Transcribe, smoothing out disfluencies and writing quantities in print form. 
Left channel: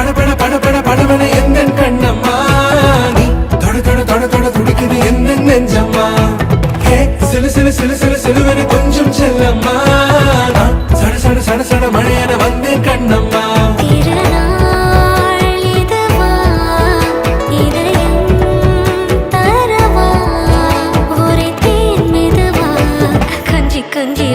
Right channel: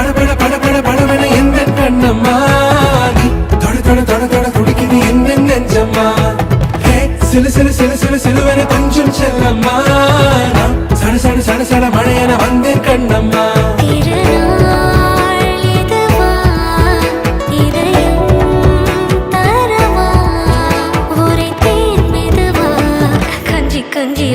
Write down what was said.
படபட படபட படபட எந்த கண்ணம்மா நீ தொட தொட தொட தொட துடிக்குது எந்த நெஞ்சம்மா ஹே சிலு சிலு சிலு சிலு சிலுவன கொஞ்சம் செல்லம்மா நான் சட சட சட சட மழையன வந்தேன் கண்ணம்மா திருநாள் இதுவா இதயம் தரவா உரைத்தேன் மெதுவா கஞ்சி கஞ்சி